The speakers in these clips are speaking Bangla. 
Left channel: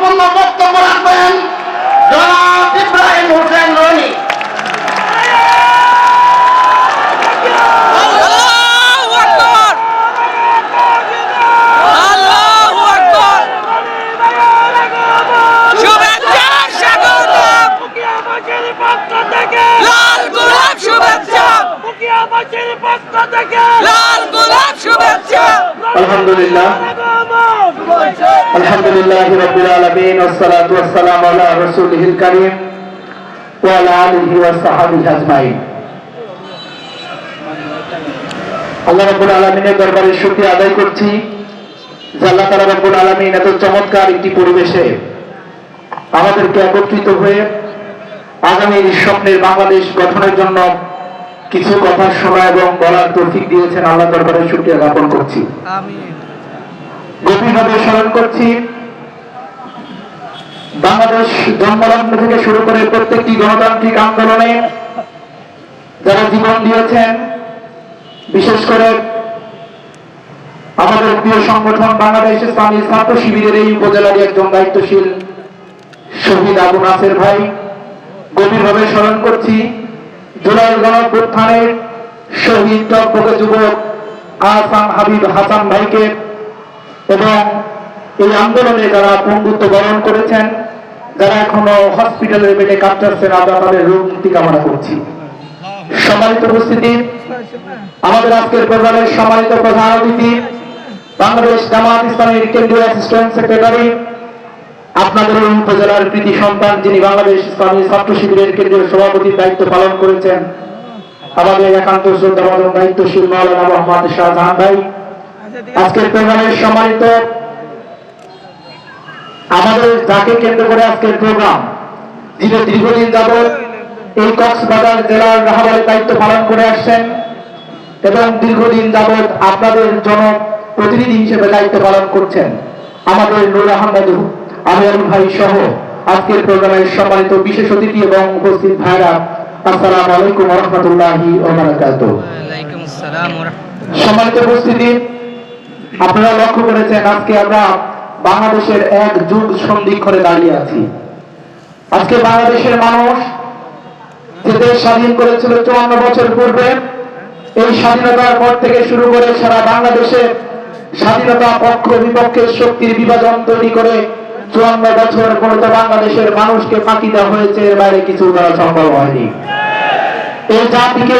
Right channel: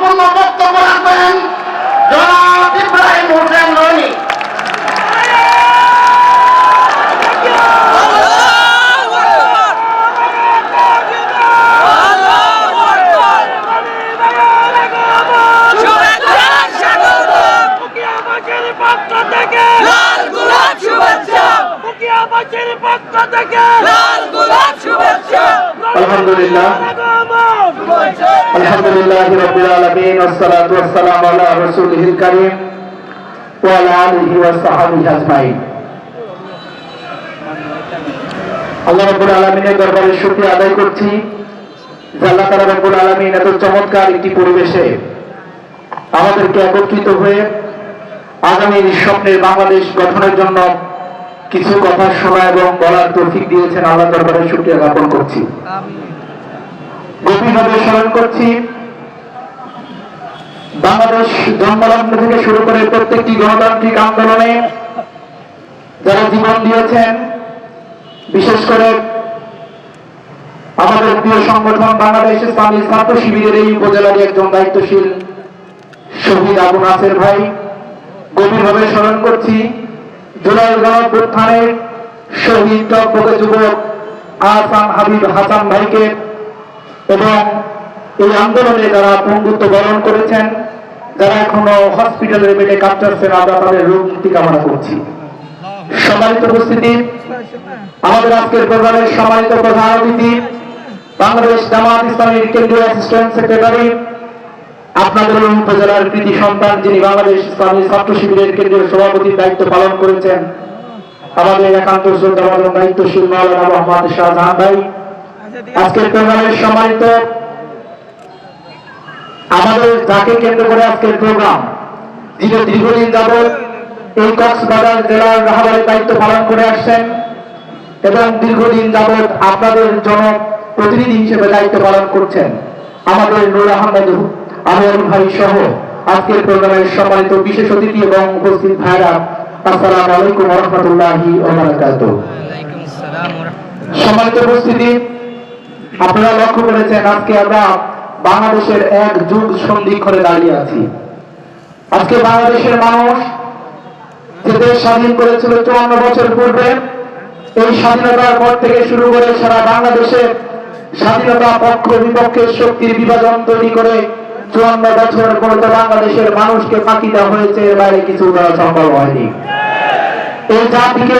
গুরুত্বপূর্ণ বক্তব্য রাখবেন। জনাব ইব্রাহিম হোসেন রনি। আল্লাহু আকবার আল্লাহু আকবার শুভেচ্ছা স্বাগতম মুখিয়াবাসীর পক্ষ থেকে লাল গোলাপ শুভেচ্ছা। মুখিয়াবাসীর পক্ষ থেকে লাল গোলাপ শুভেচ্ছা। আলহামদুলিল্লাহ। আলহামদুলিল্লাহ রাব্বিল আলামিন আলা রাসূলিহিল কারীম ওয়া আলা আলিহি ওয়া সাহবিহি আজমাইন। আল্লাহ রাব্বুল আলামিনের দরবারে শুকরিয়া আদায় করছি যে আল্লাহ তাআলা রাব্বুল আলামিন এত চমৎকার একটি পরিবেশে আমাদেরকে একত্রিত হয়ে আগামী স্বপ্নের বাংলাদেশ গঠনের জন্য কিছু কথা শোনা এবং বলার তৌফিক দিয়েছেন আল্লাহ দরবারে শুকরিয়া জ্ঞাপন করছি। গভীরভাবে স্মরণ করছি বাংলাদেশ জন্মলগ্ন থেকে শুরু করে প্রত্যেকটি গণতান্ত্রিক আন্দোলনে যারা জীবন দিয়েছেন বিশেষ করে আমাদের প্রিয় সংগঠন বাংলাদেশ ইসলামী ছাত্র শিবিরের এই উপজেলার একজন দায়িত্বশীল শহীদ আবু নাসের ভাই গভীরভাবে স্মরণ করছি। জুলাই গণপ্রত্থানের শহীদ জগপথ যুবক আহসান হাবিব হাসান ভাইকে এবং এই আন্দোলনে যারা পঙ্গুত্ব বরণ করেছেন, যারা এখনও হসপিটালের বেডে আমাদের রোগ মুক্তি কামনা করছি। সম্মানিত উপস্থিতি, আমাদের আজকের প্রোগ্রামের সম্মানিত প্রধান অতিথি, বাংলাদেশ জামাত ইসলামের কেন্দ্রীয় আপনাদের এই উপজেলার কৃতি সন্তান যিনি বাংলাদেশ ইসলামী ছাত্র শিবিরের কেন্দ্রীয় সভাপতির দায়িত্ব পালন করেছেন, আমাদের একান্ত শ্রদ্ধাবান দায়িত্বশীল মাওলানা মোহাম্মদ শাহজাহান ভাই। আজকের প্রোগ্রামের সম্মানিত আমাদের যাকে কেন্দ্র করে আজকের প্রোগ্রাম, যিনি দীর্ঘদিন যাবৎ এই কক্সবাজার জেলার রাহাবারের দায়িত্ব পালন করে আসছেন এবং দীর্ঘদিন যাবৎ আপনাদের জন প্রতিনিধি হিসেবে দায়িত্ব পালন করছেন, আমাদের নুর আহমদ আমির ভাই সহ আজকের প্রোগ্রামের সম্মানিত বিশেষ অতিথি এবং উপস্থিত ভাইরা আসসালামু আলাইকুম রহমতুল্লাহি ওয়ালাইকুম আসসালাম ওয়া রাহমাতুল্লাহ সম্মানিত উপস্থিতি আপনারা লক্ষ্য করেছেন আজকে আমরা বাংলাদেশের এক যুগ সন্ধিক্ষণে দাঁড়িয়ে আছি। আজকে বাংলাদেশের মানুষ যে দেশ স্বাধীন করেছিল চুরান্ন বছর পূর্বে এই স্বাধীনতার পর থেকে শুরু করে সারা বাংলাদেশের স্বাধীনতা পক্ষ বিপক্ষের শক্তির বিভাজন তৈরি করে চুয়ান্ন বছর পর্যন্ত বাংলাদেশের মানুষকে ফাঁকি দেওয়া হয়েছে এর বাইরে কিছু দেওয়া সম্ভব হয়নি। এই জাতিকে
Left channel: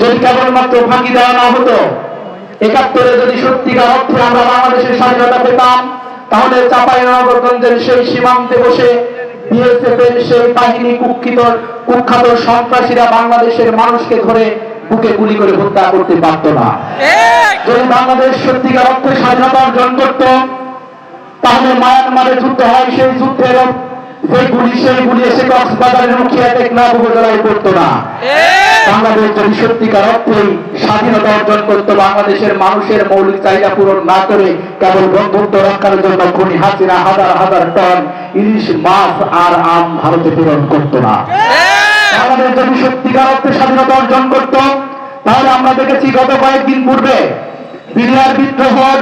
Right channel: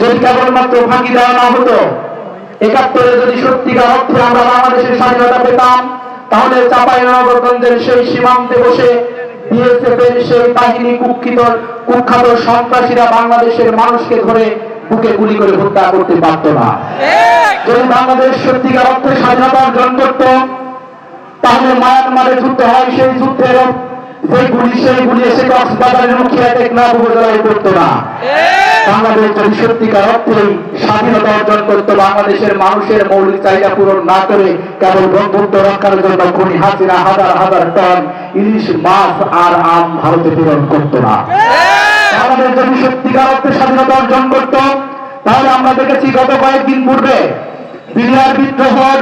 যদি কেবলমাত্র ফাঁকি দেওয়া না হতো একাত্তরে যদি সত্যিকার অর্থে আমরা বাংলাদেশের স্বাধীনতা পেতাম তাহলে চাপাই নগরগঞ্জের সেই সীমান্তে বসে বিএসএফ এর সেই বাহিনী কুক্ষিত কুখ্যাত সন্ত্রাসীরা বাংলাদেশের মানুষকে ধরে বুকে গুলি করে হত্যা করতে পারত না। যদি বাংলাদেশ সত্যিকার অর্থে স্বাধীনতা অর্জন করত তাহলে মায়ানমারে যুদ্ধ হয় সেই যুদ্ধের সেই গুলি সেই গুলি এসে কক্সবাজারের মুখে টেকনাফ উপজেলায় করতো না। বাংলাদেশ যদি সত্যিকার অর্থেই স্বাধীনতা অর্জন করতে বাংলাদেশের মানুষের মৌলিক চাহিদা পূরণ না করে কেবল বন্ধুত্ব রক্ষার জন্য খনি হাসিনা হাজার হাজার টন ইলিশ মাছ আর আম ভারতে প্রেরণ করতো না। বাংলাদেশ যদি সত্যিকার অর্থে স্বাধীনতা অর্জন করত তাহলে আমরা দেখেছি গত কয়েকদিন পূর্বে বিডিআর বিদ্রোহর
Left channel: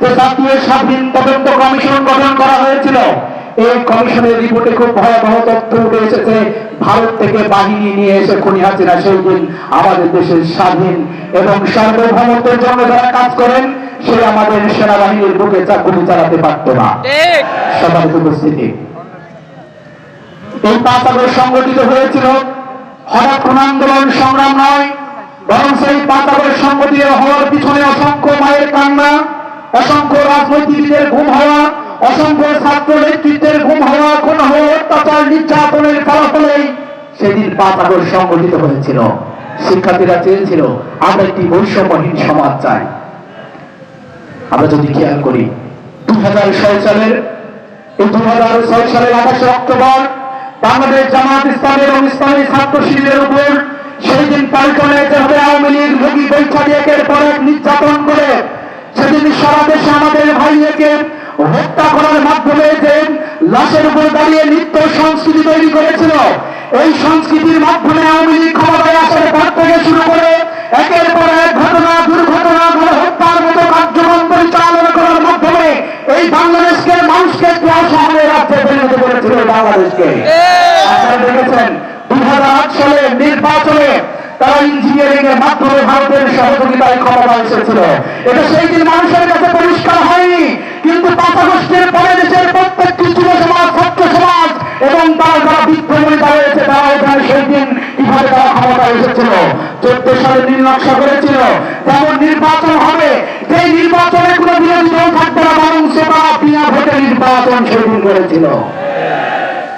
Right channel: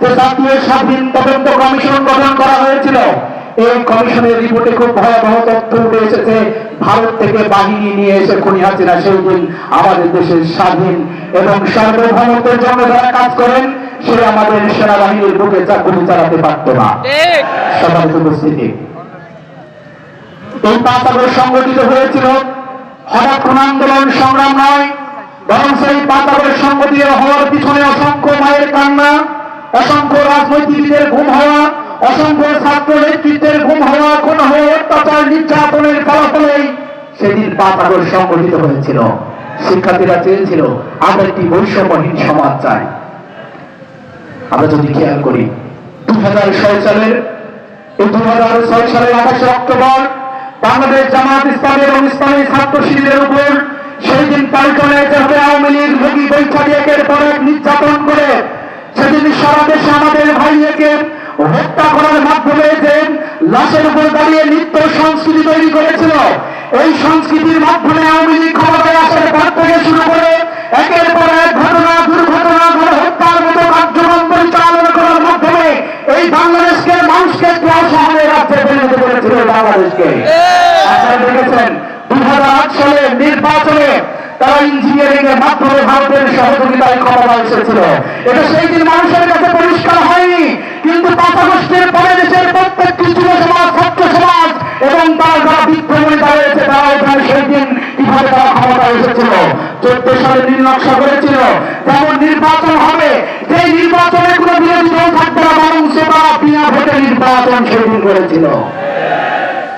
যে জাতীয় স্বাধীন তদন্ত কমিশন গঠন করা হয়েছিল। এই কমিশনের রিপোর্টে খুব ভয়াবহ তথ্য উঠে এসেছে। ভারত থেকে বাহিনী নিয়ে এসে খুনি সেই দিন আমাদের দেশের স্বাধীন এবং সার্বভৌমত্বের জন্য যারা কাজ করেন সে আমাদের সেনাবাহিনীর বুকে চাকরি চালাতে পারত না। সবাই উপস্থিতি। এই পাঁচ আগস্ট সংগঠিত হয়েছিল। হঠাৎ কোন আন্দোলন সংগ্রাম নয় বরং সেই পাঁচ আগস্ট সংগঠিত হওয়ার পিছনে অসংখ্য মায়ের কান্না অসংখ্য রাজনৈতিকদের ঘুম হওয়া, অসংখ্য ছাত্র নেতৃত্বের ঘুম হওয়া কোন হওয়া অত্যাচার, নির্যাতনের ফলাফলেই সেদিন আগস্ট সংগঠিত হয়েছিল। শিক্ষার্থীরা চেয়েছিল, আমরা একটি বৈষম্যহীন সমাজ চাই। আমরা যদি খেয়াল করি দু হাজার ছয় সালের দু হাজার ছয় সালের আঠাশে অক্টোবর বাংলাদেশ জামাত ইসলামী এবং ইসলামী ছাত্র শিবিরের উপর সেই দিন পাল্টনে যেভাবে আওয়ামী লীগ ভোগী বৈঠারি একের পর এক নির্যাতন করে সেদিন সারা দেশে আমাদের হত্যা করার মাধ্যমে যে লাশের উপর দাঁড়িয়ে নৃত্য সংস্কৃতি তৈরি করেছিল, এই সংস্কৃতির মাধ্যমে আওয়ামী লীগ ক্ষমতায় আসার পর থেকে শুরু করে একের পর এক ঘটনা, দুর্ঘটনা, ঘরে হত্যার মতো কার্যক্রম পরিচালনা করার মাধ্যমে এই বাংলাদেশকে মানুষকে ক্লাস বাংলাদেশকে। আপনারা দেখেছেন দুই হাজার আট সালে নির্বাচনে তারা ইঞ্জিনিয়ারিং এর মাধ্যমে ভারতের সহযোগিতায় ক্ষমতা এসেছিল। এটা সেই দিন মানুষের কাছে পরিষ্কার হয়নি, কিন্তু পাঁচ পরে দেশের প্রত্যেকটি যুব ছাত্র সমাজ এবং তারা যারা বিদ্রোহী রয়েছে তারা ওখানে সেই দিন কীভাবে তারা ক্ষমতা এসেছিল, চোদ্দ সালে নির্নকশা করেছিল যেমন নির্বাচন হবে, যে নির্বাচনে কোনো বিরোধী দল থাকবে না, বরং সে তারা বিনা ভোটে নির্বাচন সেদিন করেছিল।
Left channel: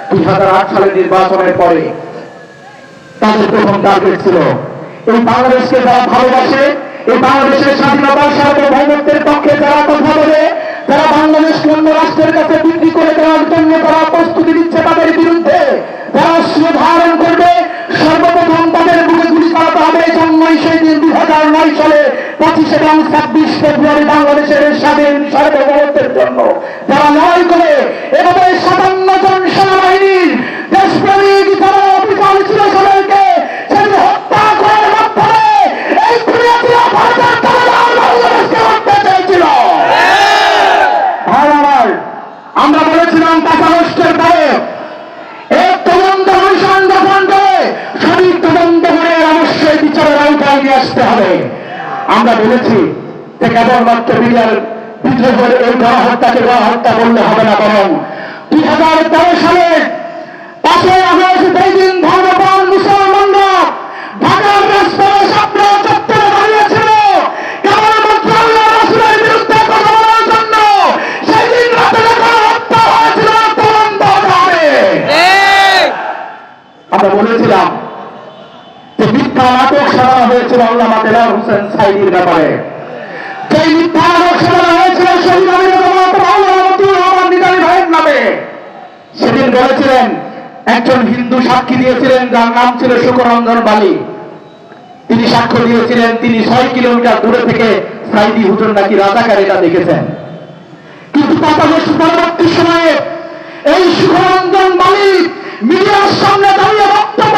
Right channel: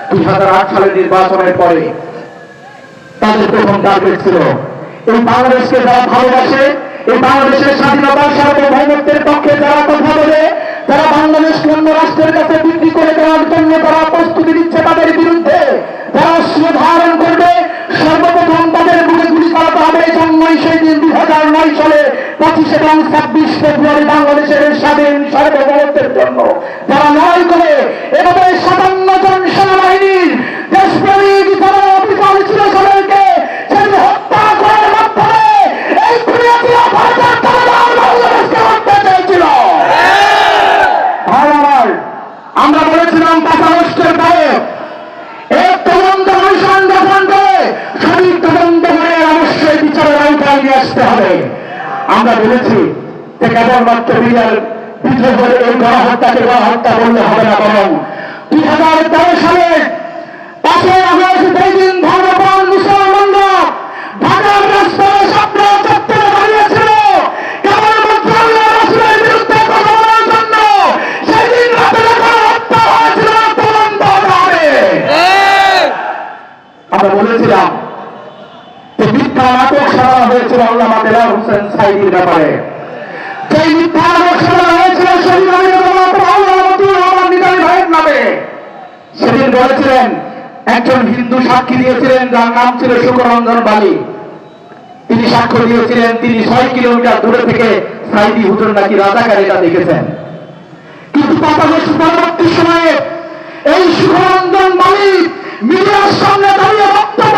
দুই হাজার আট সালের নির্বাচনের পরে তাদের প্রথম টার্গেট ছিল। এই বাংলাদেশকে যারা ভালোবাসে, এই বাংলাদেশের স্বাধীনতার সার্বভৌমত্বের পক্ষে যারা কথা বলে, যারা বাংলাদেশকে অন্য রাষ্ট্রের কাছে বিক্রি করে দেওয়ার জন্য যারা প্রস্তুতি দিচ্ছে তাদের বিরুদ্ধে, যারা সুধারণ করবে, সর্বপ্রথম তাদের বিরুদ্ধে চালাতে হবে জন্যই সেই দিন দুই হাজার নয় সালে পঁচিশ এবং ছাব্বিশ ফেব্রুয়ারি বাংলাদেশের স্বাধীন সার্বভৌমত্বের জন্য যারা লড়াই করে বলেছি যে কেবলমাত্র বিজয় বিদ্রোহের এই গণহত্যাকে গণহত্যা বললে হবে না বরং দুই হাজার তেরো সালে পাঁচই আগস্ট দিন ধর্মপ্রাণ মুসলমানরা ঢাকার রাস্তায় সামনে চত্বরে দাঁড়িয়েছিল কেবলমাত্র আল্লাহ বিরুদ্ধে কথা বলার জন্য সেই দিন রাতে গণহত্যা হয়েছিল তদন্ত হবে আমরা বলেছিলাম হয়েছিল আল্লামা দেলার হোসেন সাইদির ব্যাপারে। সেই মিথ্যা সারা হয়েছিল শহীদ সেদিন বলেছিলেন, একজন হিন্দু সাক্ষী দিয়েছিলেন, যার নাম ছিল সুখরঞ্জন বালি। তিনি সাক্ষ্য দিয়েছিলেন, তিনি ছয় কিলোমিটার দূরে থেকে সাইদি হুটুন নাকি রাজাকার এটা দেখেছেন। কিন্তু পাতাগোষ পরবর্তী সময়ে এই শুভরঞ্জন বালি মিডিয়ার সামনে দাঁড়িয়ে বক্তব্য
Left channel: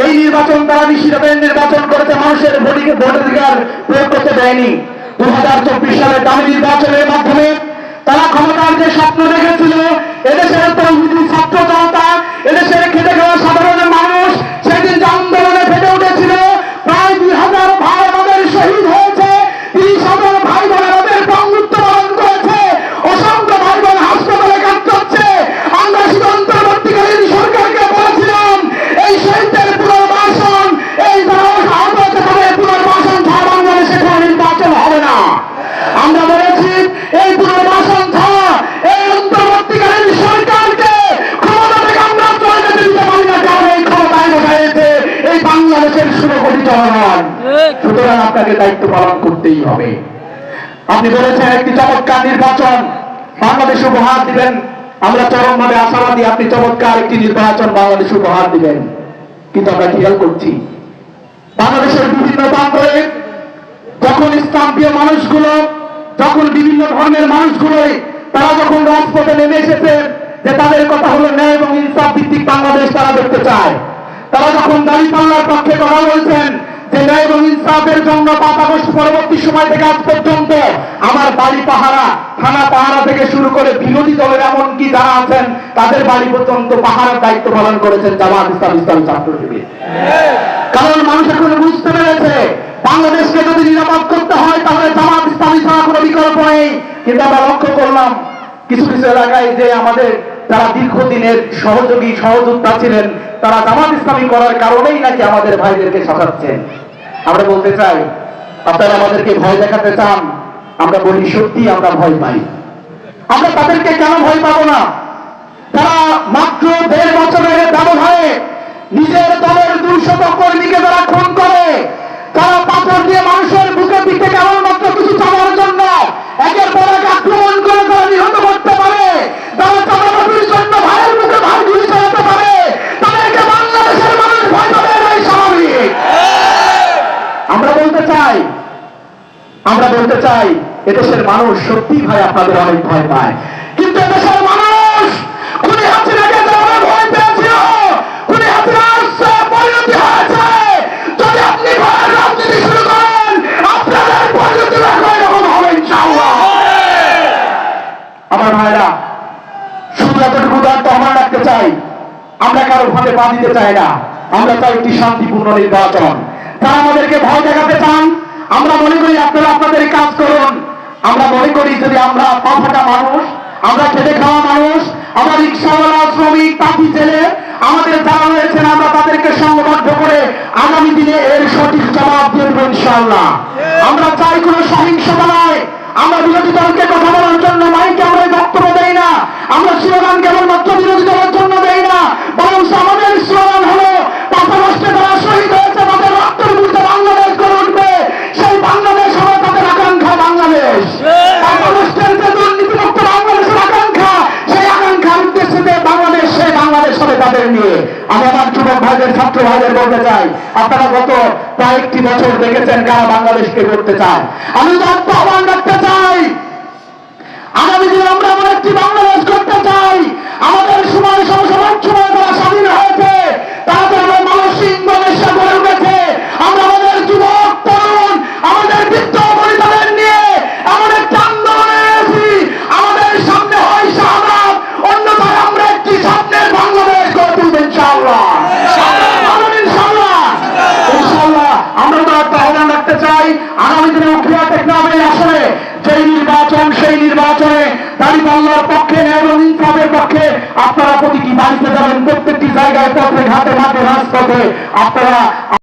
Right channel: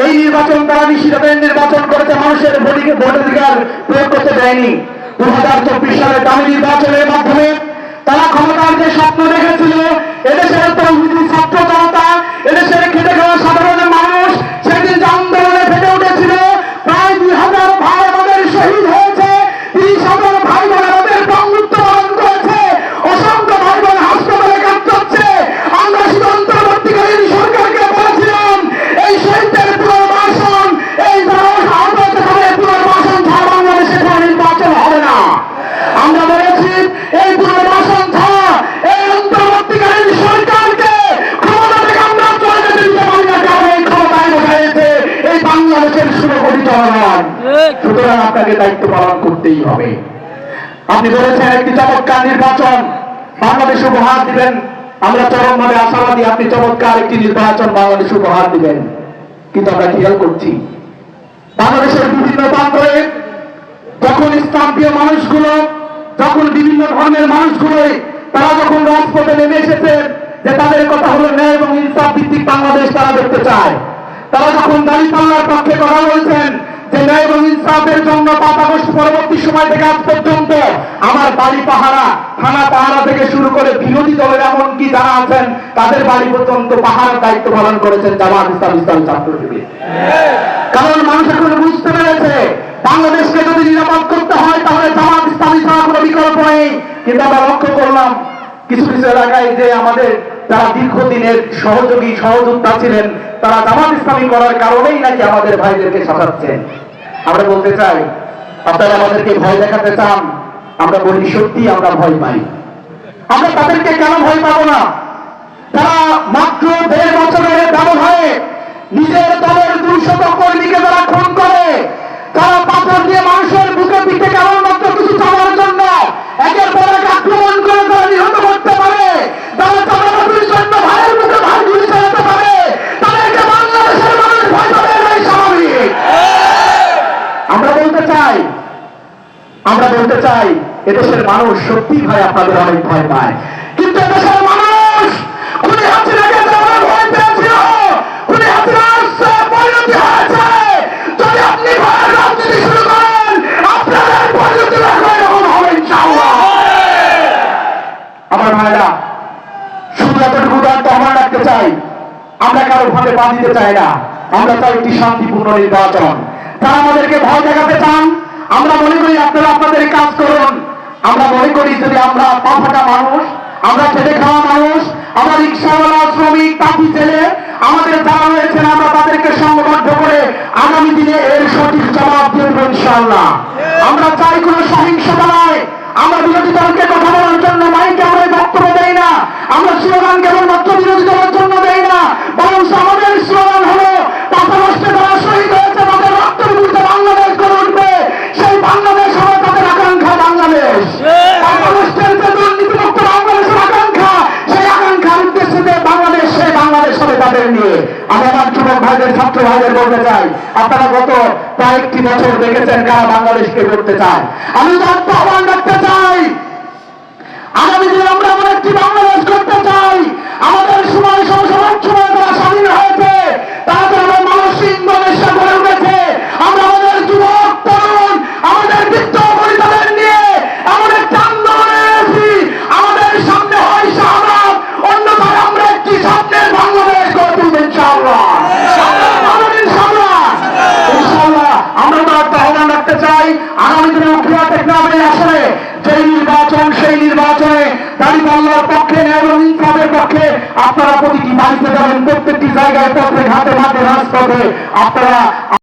এই নির্বাচন তারা নিশ্চিতভাবে নির্বাচন করেছে মানুষের ভোটিকে ভোটাধিকার প্রয়োগ করতে দেয়নি। দু হাজার চব্বিশ সালে দামি নির্বাচনের মাধ্যমে তারা ক্ষমতার যে স্বপ্ন দেখেছিল, এদেশের স্বপ্ন ছাত্র জনতা, এদেশের খেতে খাওয়া সাধারণ জনগণ সুতরাং আপনাকে দায়িত্ব পালন করতেই হবে। আপনি বলেছেন একটি চমৎকার নির্বাচন। বাংলাদেশ উপহার দিবেন। আমরা চরমভাবে আশাবাদী আপনি চমৎকার একটি নির্বাচন বাংলাদেশ উপহার দিবেন। কিন্তু আমরা খেয়াল করছি বাংলাদেশের বিভিন্ন প্রান্তরে যখন ইসলাম প্রিয় মানুষগুলো যখন বিভিন্ন ধর্মের মানুষগুলোই তারা যখন রাজপথে নেমে এসেছে যে তাদের কথা হলো ন্যায় এবং ইনসাফ ভিত্তিক বাংলাদেশ তারা দেখতে চায়। তারা যখন দাড়ি পাল্লার পক্ষে কথা বলছেন যে ন্যায় ইনসাফের জন্য পাঁচ পরবর্তী সময় থেকে আজ পর্যন্ত আমার বাড়ি পাহারা, থানা পাহারা থেকে শুরু করে বিরোধী দলের এমনকি যারা আছেন, তাদের বাড়ি পর্যন্ত পাহারার দায়িত্ব পালন করেছেন জামাত ইসলাম ইসলাম ছাত্র শিবির কারণ মানুষ এখন বুঝতে পেরেছে, বাংলাদেশকে যদি নিরাপদ করতে হয়, তাহলে জামাত ইসলামী ছাড়া কোনো বিকল্প নেই। কিন্তু আমরা লক্ষ্য করলাম, কিছু কিছু এলাকায় যে আমাদের যারা দীর্ঘদিনের সহযোগী, সহযোদ্ধা ছিলেন, তারা জামাত ইসলামী করার কারণেই নাকি আমাদের ভাইদেরকে শাসাচ্ছেন আমরা বলতে চাই, আপনারা আমাদেরকে ভয় দেখাতে চান, আমরা বলি সত্যি আমরা ভয় পাই। আমরা তাদেরকে কেন ভয় পাবো না? তারা মাত্র দেড় বছরের ব্যবধানে নিজের দলের দুইশত কর্মীকে তারা খুন করে, তারা পাথর দিয়ে মানুষের বুকের দিকে কেবলমাত্র কিছু চালার জন্য একের পর এক আক্রমণ করে তারা নিহত করতে আমরা বলতে চাই, এদেশের মানুষ সত্যি ভাই আপনাদের অনেক ভয় পায়। কিন্তু এদেশের মানুষ, উনি হাসিনাকে যেমন ভয় পেয়েছিল। উনি পরিণতি হয়েছে। যদি আপনি রাজনীতি শুরু করেন, আপনাদের পরিণতি হবে ইনশাআল্লাহ। আমার ভাইরা চাই। আমরা কারও পা দিতে চাই না। আমরা চাই একটি শান্তিপূর্ণ নির্বাচন। তারা আমাদেরকে ভয় দেখাতে চান আমরা মনে করি আপনারা আপনাদের কাজ করবেন আমরা মনে করি যদি আমরা পাঁচটা মানুষ, আমরা খেতে খাওয়া মানুষ, আমার রিক্সাওয়ালা, শ্রমিক তাঁতি ছেলে, আমাদের যারা রয়েছেন, আমরা তাদেরকে সংবদ্ধ করে আগামী দিনে এর সঠিক জবাব দিয়ে দেবো ইনশাআল্লাহ। আমরা চাই কোনো সহিংসতা নয়। আমরা বিরোধী দলকে কথা বলার জন্য মাইকে আমরা বক্তব্য দেই না। আমরা স্লোগান কেবলমাত্র ভাইদের ছাত্র ভাইদের বলতে চাই, আপনারা গত কয়েকটি বছর দেখেছেন কারা বাংলাদেশকে করতে চায়। আমি আহ্বান রাখতে চাই, আগামী দিনে আমরা এমন একটি বাংলাদেশ করতে চাই, আমাদের সময় সমস্যা স্বাধীন হয়েছে তাদের মানসিক ইন্দোনেশিয়া গড়ে উঠেছে। জায়গায় প্রত্যেক হাতে হাতে রাজপথে আপনারা